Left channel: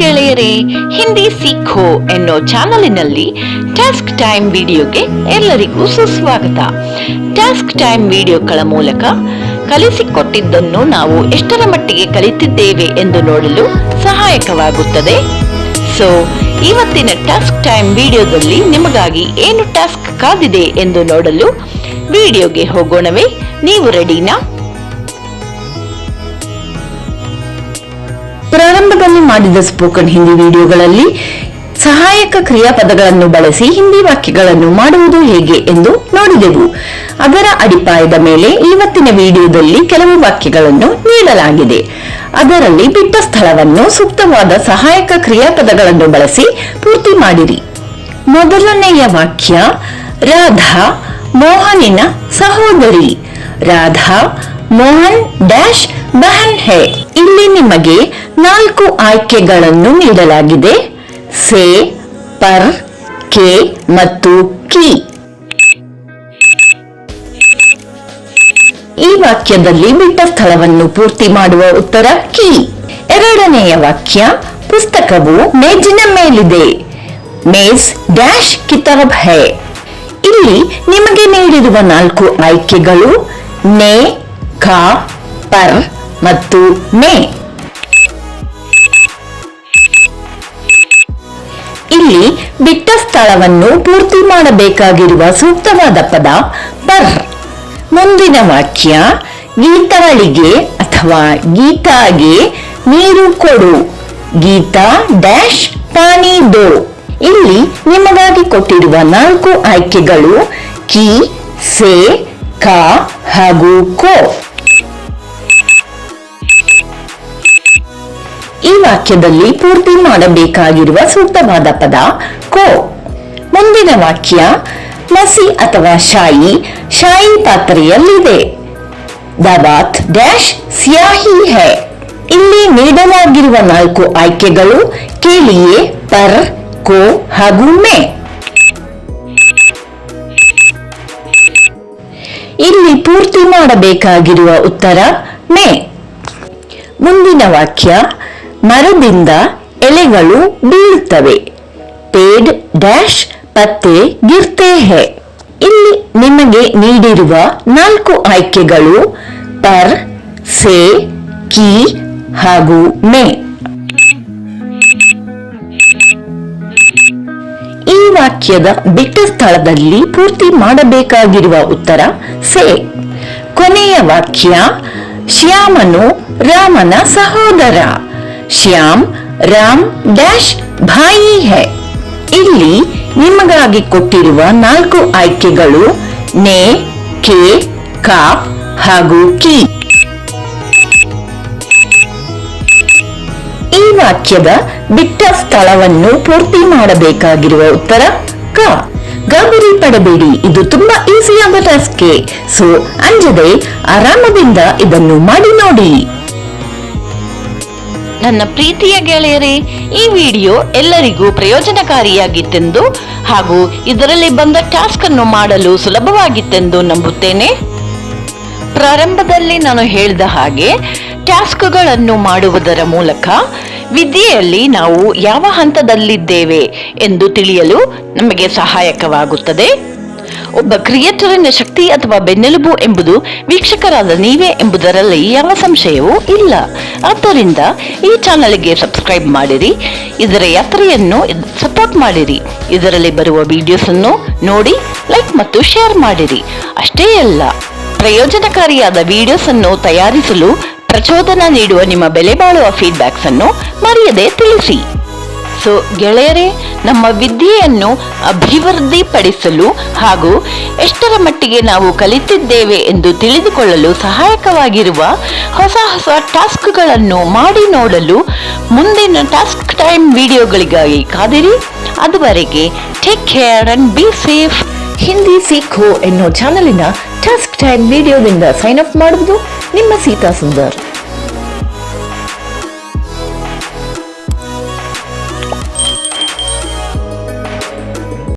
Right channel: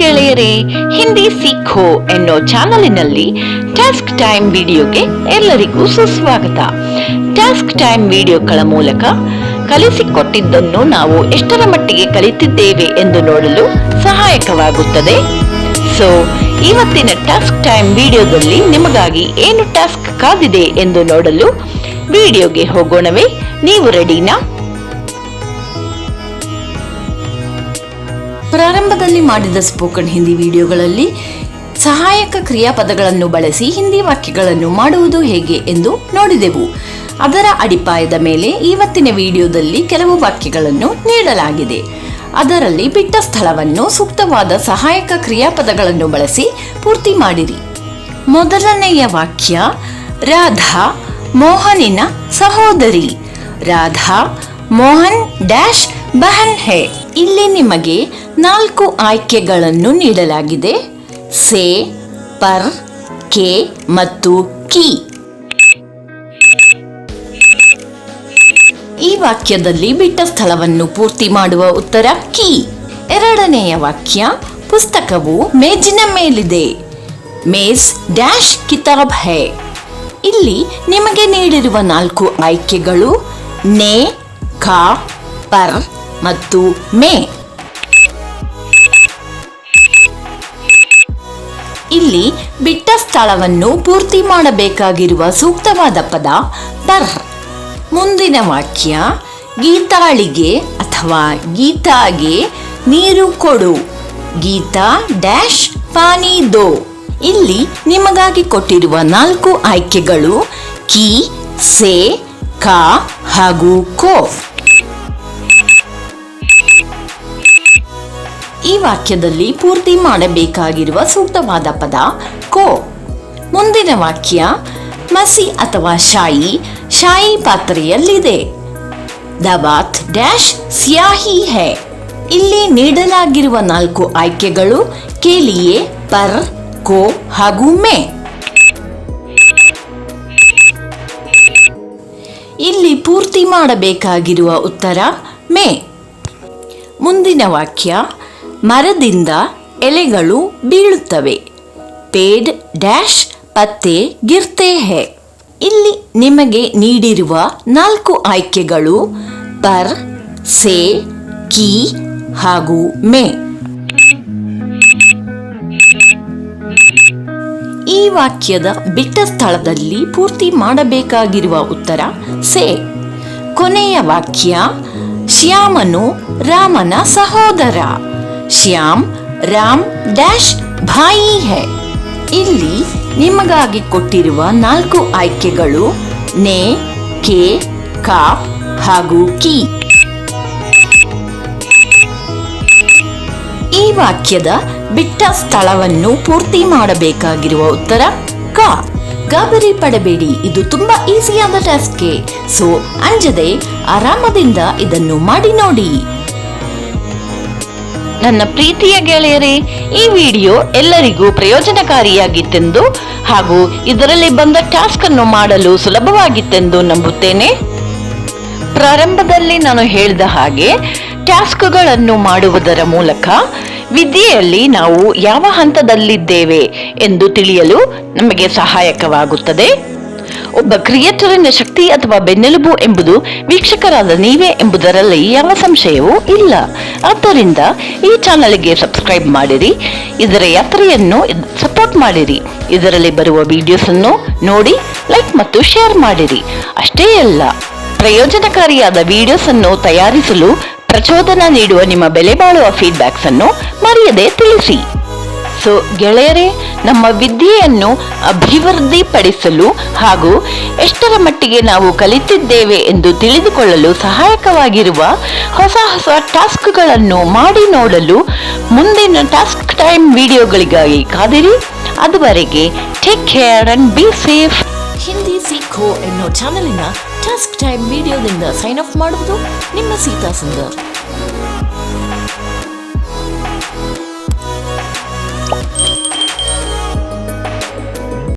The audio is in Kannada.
ಗೆಳೆಯರೇ, ಹಿಂದಿ ಸೀಖೋ ಎನ್ನೋ ಚಾನಲಿನಲ್ಲಿ ಟಾಸ್ಕ್ ಟೈಮ್ ವಿಡಿಯೋಗೆ ಎಲ್ಲರಿಗೂ ಸುಸ್ವಾಗತ. ಟಾಸ್ಕ್ ಟೈಮ್ ವಿಡಿಯೋಗಳ ಮೂಲಕ ಕಲಿಸಿಕೊಟ್ಟಿದ್ದನ್ನು ನಾವು ಎಷ್ಟರ ಮಟ್ಟಿಗೆ ಕಲಿತಿದ್ದೇವೆ ಎಂದು ನೋಡಲು ಸಹಾಯಕವಾಗುತ್ತದೆ. ಸೊ ಇವತ್ತಿನ ಟಾಸ್ಕ್ ಟೈಮ್ ವಿಡಿಯೋದಲ್ಲಿ ನಿಮಗಾಗಿ ಏನು ಟಾಸ್ಕ್ ಕಾದಿದೆ ಎಂದು ನೋಡಲು ವಿಡಿಯೋಗೆ ಹೋಗೋಣವೇ? ನೀವು ರೆಡಿನಾ? ಪ್ರಾರಂಭದಲ್ಲಿ ಮಾಡಿದ ಸ್ಪೋಕನ್ ಹಿಂದಿ ವಿಡಿಯೋಗಳಲ್ಲಿ ಸಹಾಯಕ ಕ್ರಿಯಾಪದಗಳನ್ನು ಬಳಸಿ ಹಿಂದಿ ವಾಕ್ಯಗಳನ್ನು ಮಾಡುವುದು ಹೇಗೆ ಎಂದು ನೋಡಿದೆವು. ಅದರ ಅಡಿಪಾಯದ ಮೇಲೆ ಇವತ್ತಿನ ವಿಡಿಯೋದಲ್ಲಿ ಕೆಲವು ವಾಕ್ಯಗಳನ್ನು ನೀಡಲಾಗಿದೆ. ಅದರಲ್ಲಿ ಬಿಟ್ಟ ಸ್ಥಳವನ್ನು ಸೂಕ್ತವಾದ ಸಹಾಯಕ ಕ್ರಿಯಾಪದಗಳನ್ನು ಬಳಸಿ ಪೂರ್ತಿ ಮಾಡಿರಿ. ಮೊದಲನೆಯ ವಾಕ್ಯ, ರಾಧಾ ಮೋಹನಿನ ಸಹೋದರಿ. Radha Mohan dash ಬಹನ್ high. ಇಲ್ಲಿ ನಿಮಗೆ 4 ಆಯ್ಕೆಗಳನ್ನು ನೀಡಲಾಗಿದೆ: ಸೇ, ಪರ್, ಕೆ ಮತ್ತು ಕಿ. ಈ ವಾಕ್ಯದಲ್ಲಿ ಬಿಟ್ಟ ಸ್ಥಳವನ್ನು ಪೂರ್ತಿ ಮಾಡುವ ಉತ್ತರ ಕಿ. ಎರಡನೆಯ ವಾಕ್ಯ, ಪುಸ್ತಕವು ಮೇಜಿನ ಮೇಲಿದೆ. ಮೇಜ್ ಡ್ಯಾಶ್ ಕಿತಾಬ್ ಹೈ. ಇಲ್ಲಿ ನಿಮಗೆ ನೀಡಿರುವ 4 ಆಯ್ಕೆಗಳು ನೇ, ಖಾ, ಪರ್ ಮತ್ತು ಮೇ. ಇಲ್ಲಿ ಬಿಟ್ಟ ಸ್ಥಳವನ್ನು ಪೂರ್ತಿ ಮಾಡಬೇಕಾಗಿರುವ ಸೂಕ್ತವಾದ ಪದ ಪರ್. ಮುಂದಿನ ವಾಕ್ಯ, ಗೀತಾಳಿಗೆ ಅಥವಾ ಗೀತಾಗೆ ನೀರು ಕೊಡು. ಗೀತಾ ಡ್ಯಾಶ್ ಪಾನಿ ದೋ. ಇಲ್ಲಿ ನಿಮಗಾಗಿ ಕೊಟ್ಟಿರುವ 4 ಆಯ್ಕೆಗಳು ಕಿ, ಸೇ, ಕಾ ಹಾಗೂ ಕೋ. ಈ ವಾಕ್ಯದಲ್ಲಿ ಪೂರ್ತಿ ಮಾಡಬೇಕಾಗಿರುವ ಸೂಕ್ತವಾದ ಪದ ಕೋ. ಮುಂದಿನ ವಾಕ್ಯ, ಮಸಿ ಅಥವಾ ಶಾಯಿ ಶಾಯಿ ಪಾತ್ರೆಯಲ್ಲಿದೆ. ದವಾತ್ ಡ್ಯಾಶ್ ಸ್ಯಾಹಿ ಹೈ. ಇಲ್ಲಿ ನೀಡಲಾಗಿರುವ 4 ಆಯ್ಕೆಗಳು ಕೇಳಿಯೇ, ಪರ್, ಕೋ ಹಾಗೂ ಮೇ. ಇಲ್ಲಿ ಪೂರ್ತಿ ಮಾಡಬೇಕಾಗಿರುವ ಉತ್ತರ ಮೇ. ಮುಂದಿನ ವಾಕ್ಯ, ಮರದಿಂದ ಎಲೆಗಳು ಬೀಳುತ್ತವೆ. ಪೇಡ್ ಡ್ಯಾಶ್ ಪತ್ತೆ ಗಿರ್ತೆ ಹೈ. ಇಲ್ಲಿ ನಿಮಗೆ ನೀಡಿರುವ 4 ಆಯ್ಕೆಗಳು ಪರ್, ಸೇ, ಕಿ ಹಾಗೂ ಮೇ. ಈ ವಾಕ್ಯದ ಬಿಟ್ಟ ಸ್ಥಳದಲ್ಲಿ ಪೂರ್ತಿ ಮಾಡಬೇಕಾಗಿರುವ ಉತ್ತರ ಸೇ. ಕೊನೆಯ ವಾಕ್ಯ, ಶ್ಯಾಮನು ರಾಮನ ಸಹೋದರ. Shyam Ram dash Bhai high. ಇಲ್ಲಿ ನಿಮಗಾಗಿ ಕೊಟ್ಟಿರುವ 4 ಆಯ್ಕೆಗಳು ನೇ, ಕೆ, ಕಾಪ್ ಹಾಗೂ ಕಿ. ಈ ವಾಕ್ಯದ ಬಿಟ್ಟ ಸ್ಥಳವನ್ನು ಪೂರ್ತಿ ಮಾಡಬೇಕಾಗಿರುವ ಉತ್ತರ ಕ. ಗಾಬರಿ ಪಡಬೇಡಿ, ಇದು ತುಂಬಾ ಈಸಿಯಾದ ಟಾಸ್ಕ್. ಸೊ ಅಂಜದೆ ಆರಾಮದಿಂದ ಇದನ್ನು ಮಾಡಿ ನೋಡಿ. ನನ್ನ ಪ್ರೀತಿಯ ಗೆಳೆಯರೇ, ಈ ವಿಡಿಯೋ ಎಲ್ಲರಿಗೂ ಪ್ರಯೋಜನಕಾರಿಯಾಗಿತ್ತೆಂದು ಹಾಗೂ ಇದರಲ್ಲಿ ಬಂದ ಟಾಸ್ಕ್ ಅನ್ನು ಮಾಡಲು ಸುಲಭವಾಗಿತ್ತೆಂದು ನಂಬುತ್ತೇನೆ. ಪ್ರಾರಂಭದಲ್ಲಿ ನಾನು ಹೇಳಿದ ಹಾಗೆ ಟಾಸ್ಕ್ಗಳನ್ನು ಮಾಡುವುದರ ಮೂಲಕ ವಿದ್ಯೆಯಲ್ಲಿ ನಾವು ಯಾವ ಹಂತದಲ್ಲಿದ್ದೇವೆ ಎಂದು ತಿಳಿಯಲು ನಮಗೆ ಸಹಾಯಕವಾಗುತ್ತದೆ. ಒಬ್ಬ ಕ್ರಿಯೇಟರಿನ ಶಕ್ತಿ ಅಥವಾ ಬೆನ್ನೆಲುಬು ಎಂಬುದು ವೀಕ್ಷಕರಾದ ನೀವೇ ಎಂಬುದರಲ್ಲಿ ಯಾವ ಸಂಶಯವೂ ಇಲ್ಲ. ಆದ್ದರಿಂದ ಈ ಚಾನಲ್ಗೆ ಸಬ್ಸ್ಕ್ರೈಬ್ ಮಾಡಿರಿ, ಇದರ ಯಾತ್ರೆಯನ್ನು ಸಪೋರ್ಟ್ ಮಾಡಿರಿ. ಇದರಲ್ಲಿ ಬರುವ ವಿಡಿಯೋಸ್ ಅನ್ನು ನೋಡಿ ಲೈಕ್ ಮತ್ತು ಶೇರ್ ಮಾಡಿರಿ. ಅಷ್ಟೇ ಅಲ್ಲ, ಪ್ರಯೋಜನಕಾರಿಯಾದ ವಿಡಿಯೋಸ್ ಅನ್ನು ತಯಾರಿಸಲು ಪ್ರಚೋದನೆ ನೀಡುವ ನಿಮ್ಮ ಬೆಲೆ ಬಾಳುವ ಫೀಡ್ಬ್ಯಾಕ್ಸ್ ಅನ್ನು ಮರೆಯದೆ ತಿಳಿಸಿ. ಸೊ ಗೆಳೆಯರೇ, ನಮ್ಮ ವಿದ್ಯೆಯನ್ನು ಅಭಿವೃದ್ಧಿಪಡಿಸಲು ಹಾಗೂ ಎಷ್ಟರ ಮಟ್ಟಿಗೆ ನಾವು ಕಲಿತಿದ್ದೇವೆ ಎಂದು ತಿಳಿದುಕೊಳ್ಳಲು ಸಹಾಯಕವಾಗಿರುವ ಹೊಸ ಟಾಸ್ಕ್ಗಳನ್ನು ಮಾಡಿ ನೋಡಲು ಮುಂದಿನ ಟಾಸ್ಕ್ ಟೈಮ್ ವಿಡಿಯೋಗಳಿಗಾಗಿ ಕಾದಿರಿ. ಅದುವರೆಗೆ take care and be safe. Hindi Seekho ಎನ್ನೋ ಚಾನಲಿನ ಟಾಸ್ಕ್ ಟೈಮ್ ವಿಡಿಯೋದಿಂದ ಸೈನ್ ಅಪ್ ಮಾಡುವುದು ನಿಮ್ಮ ಸೀತಾ ಸುಂದರ್.